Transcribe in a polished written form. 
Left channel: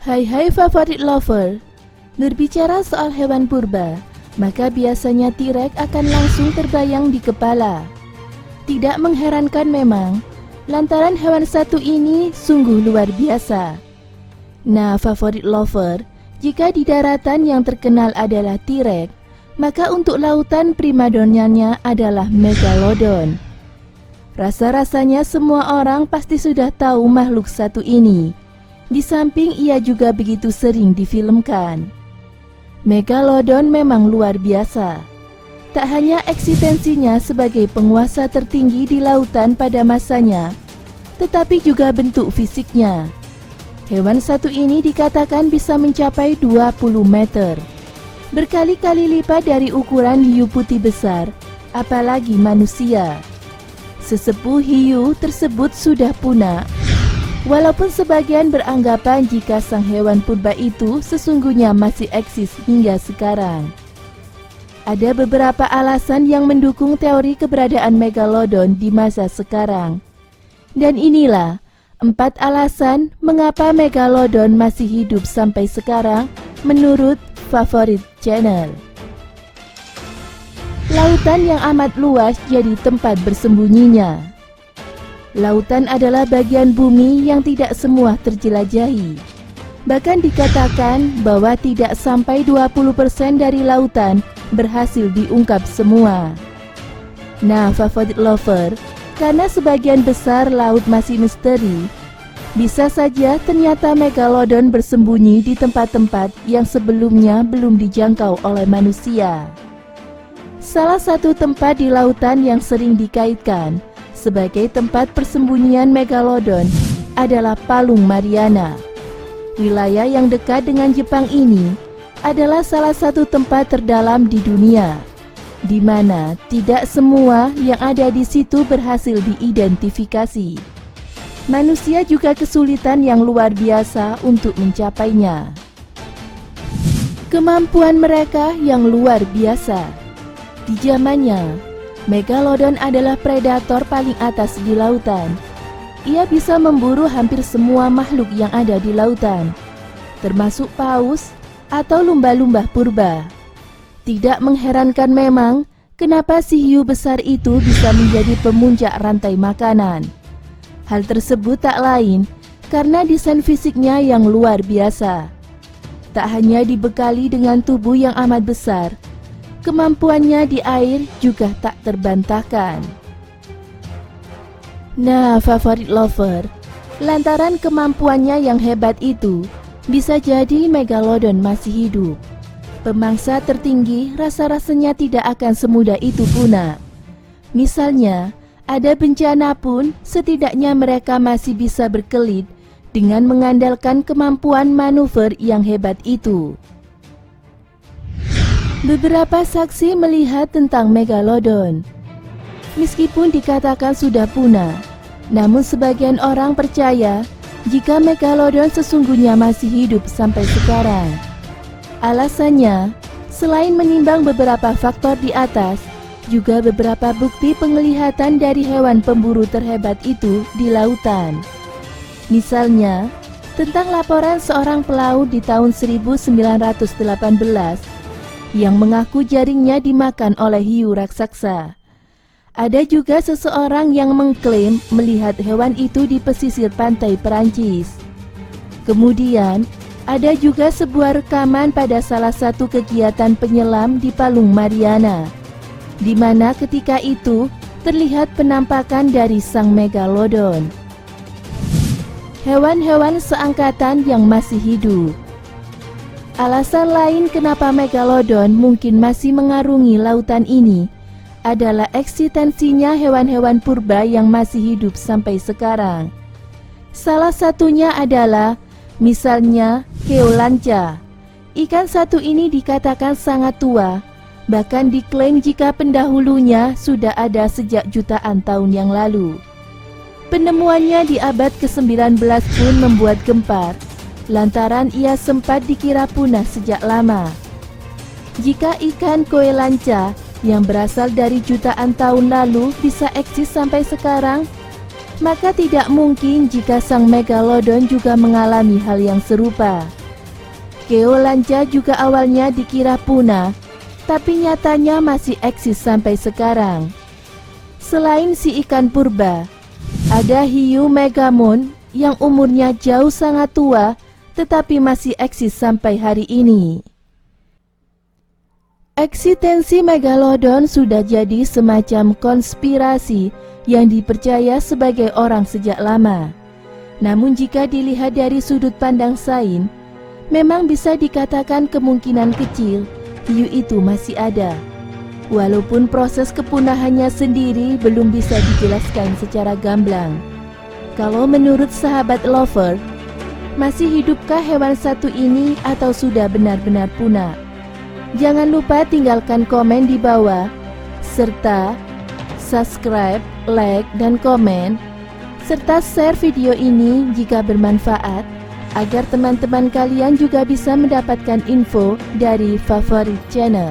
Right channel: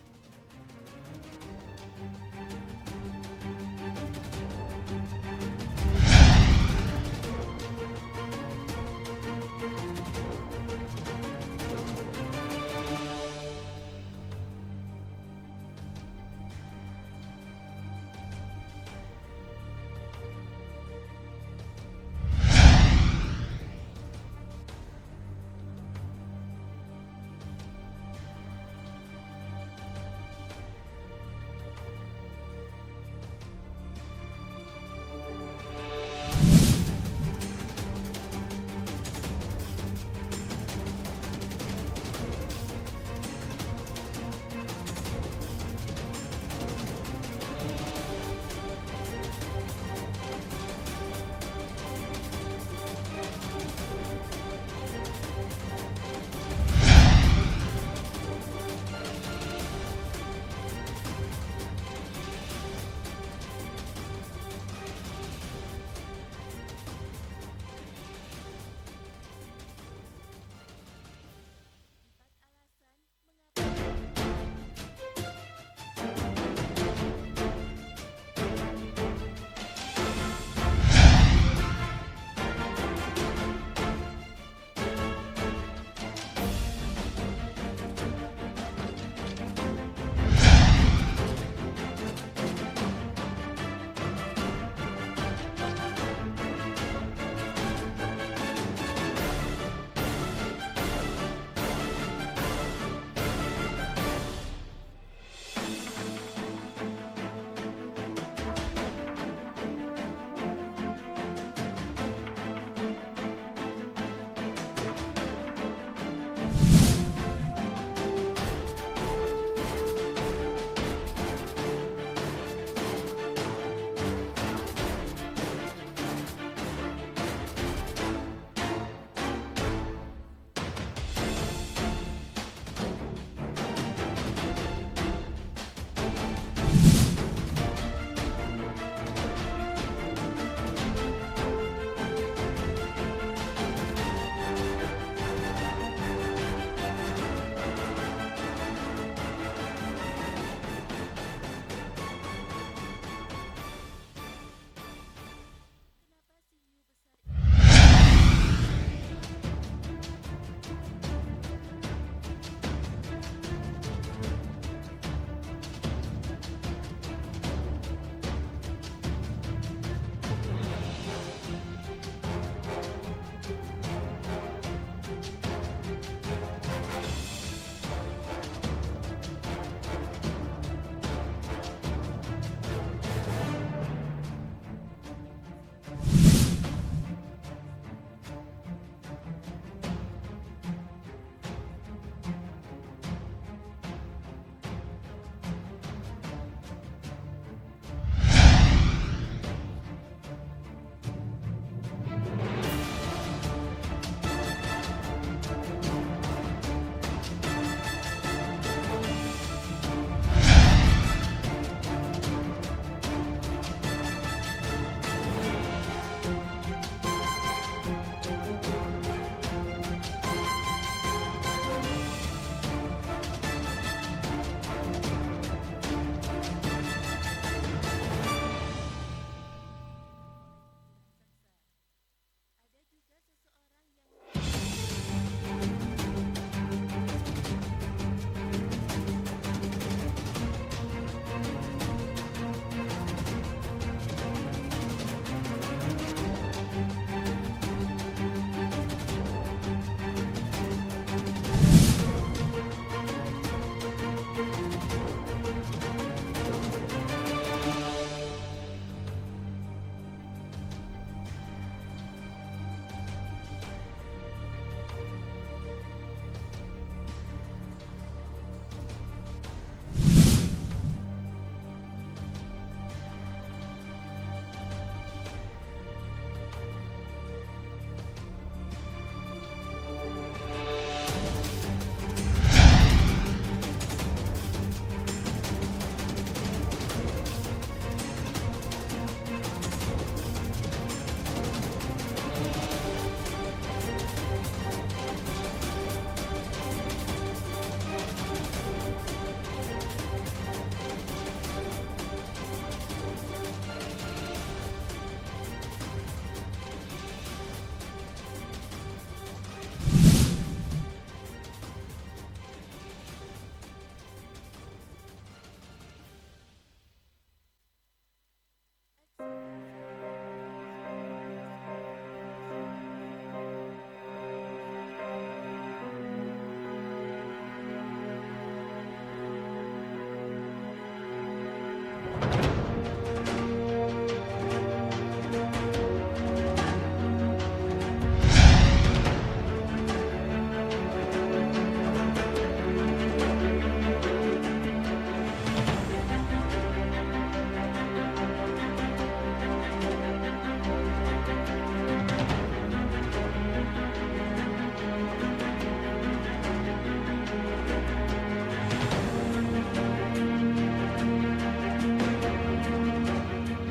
Hai favorit lover, berbicara soal hewan purba, maka biasanya T-Rex akan langsung terbayang di kepala. Tidak mengherankan memang, lantaran hewan satu ini sungguh luar biasa. Nah favorit lover, jika di daratan yang terkenal adalah T-Rex, maka untuk lautan primadonanya adalah Megalodon. Rasa-rasanya semua orang pasti sudah tahu makhluk satu ini. Di samping ia juga begitu sering difilmkan. Megalodon memang luar biasa. Tak hanya eksistensinya sebagai penguasa tertinggi di lautan pada masanya, tetapi juga bentuk fisiknya. Hewan satu ini dikatakan bisa mencapai 20 meter. Berkali-kali lipat dari ukuran hiu putih besar, apalagi manusia. Sesepuh hiu tersebut sudah punah. Walaupun sebagian beranggapan jika sang hewan purba itu sesungguhnya masih eksis hingga sekarang. Ada beberapa alasan yang mendukung teori keberadaan Megalodon di masa sekarang. Dan inilah 4 alasan mengapa Megalodon masih hidup sampai sekarang menurut Favorit Channel. Lautan yang amat luas jadi tempat bersembunyinya. Lautan adalah bagian bumi yang tidak semua terjelajahi. Bahkan dikatakan bahwa tidak sampai 20% dari lautan berhasil diungkap semua. Nah, favorit lover, karena sebagian besar laut masih misteri, bisa saja ternyata Megalodon bersembunyi di tempat-tempat yang sebelumnya belum dijangkau oleh manusia. Salah satu tempat di lautan yang sering dikaitkan sebagai tempat persembunyian Megalodon adalah Palung Mariana. Wilayah yang dekat dengan Jepang ini adalah salah satu tempat terdalam di dunia, di mana tidak semua yang ada di situ berhasil diidentifikasi. Manusia juga kesulitan yang luar biasa untuk mencapainya. Kemampuan mereka yang luar biasa. Di zamannya, Megalodon adalah predator paling atas di lautan. Ia bisa memburu hampir semua makhluk yang ada di lautan, termasuk paus atau lumba-lumba purba. Tidak mengherankan memang kenapa si hiu besar itu bisa menjadi pemuncak rantai makanan. Hal tersebut tak lain karena desain fisiknya yang luar biasa. Tak hanya dibekali dengan tubuh yang amat besar, kemampuannya di air juga tak terbantahkan. Nah, favorit lover, lantaran kemampuannya yang hebat itu, bisa jadi Megalodon masih hidup. Pemangsa tertinggi rasa-rasanya tidak akan semudah itu punah. Misalnya, ada bencana pun setidaknya mereka masih bisa berkelit dengan mengandalkan kemampuan manuver yang hebat itu. Beberapa saksi melihat tentang Megalodon. Meskipun dikatakan sudah punah, namun sebagian orang percaya jika Megalodon sesungguhnya masih hidup sampai sekarang. Alasannya, selain menimbang beberapa faktor di atas, juga beberapa bukti penglihatan dari hewan pemburu terhebat itu di lautan. Misalnya, tentang laporan seorang pelaut di tahun 1918 yang mengaku jaringnya dimakan oleh hiu raksasa. Ada juga seseorang yang mengklaim melihat hewan itu di pesisir pantai Perancis. Kemudian, ada juga sebuah rekaman pada salah satu kegiatan penyelam di Palung Mariana, di mana ketika itu terlihat penampakan dari sang Megalodon. Hewan-hewan seangkatan yang masih hidup. Alasan lain kenapa Megalodon mungkin masih mengarungi lautan ini adalah eksistensinya hewan-hewan purba yang masih hidup sampai sekarang. Salah satunya adalah misalnya Keolanca. Ikan satu ini dikatakan sangat tua, bahkan diklaim jika pendahulunya sudah ada sejak jutaan tahun yang lalu. Penemuannya di abad ke-19 pun membuat gempar, lantaran ia sempat dikira punah sejak lama. Jika ikan Keolanca yang berasal dari jutaan tahun lalu bisa eksis sampai sekarang, maka tidak mungkin jika sang megalodon juga mengalami hal yang serupa. Keolanca juga awalnya dikira punah, tapi nyatanya masih eksis sampai sekarang. Selain si ikan purba, ada hiu megamon yang umurnya jauh sangat tua, tetapi masih eksis sampai hari ini. Eksistensi megalodon sudah jadi semacam konspirasi yang dipercaya sebagai orang sejak lama. Namun jika dilihat dari sudut pandang sains, memang bisa dikatakan kemungkinan kecil hiu itu masih ada. Walaupun proses kepunahannya sendiri belum bisa dijelaskan secara gamblang. Kalau menurut sahabat lover, masih hidupkah hewan satu ini atau sudah benar-benar punah? Jangan lupa tinggalkan komen di bawah, serta subscribe, like, dan komen, serta share video ini jika bermanfaat, agar teman-teman kalian juga bisa mendapatkan info dari favorit channel.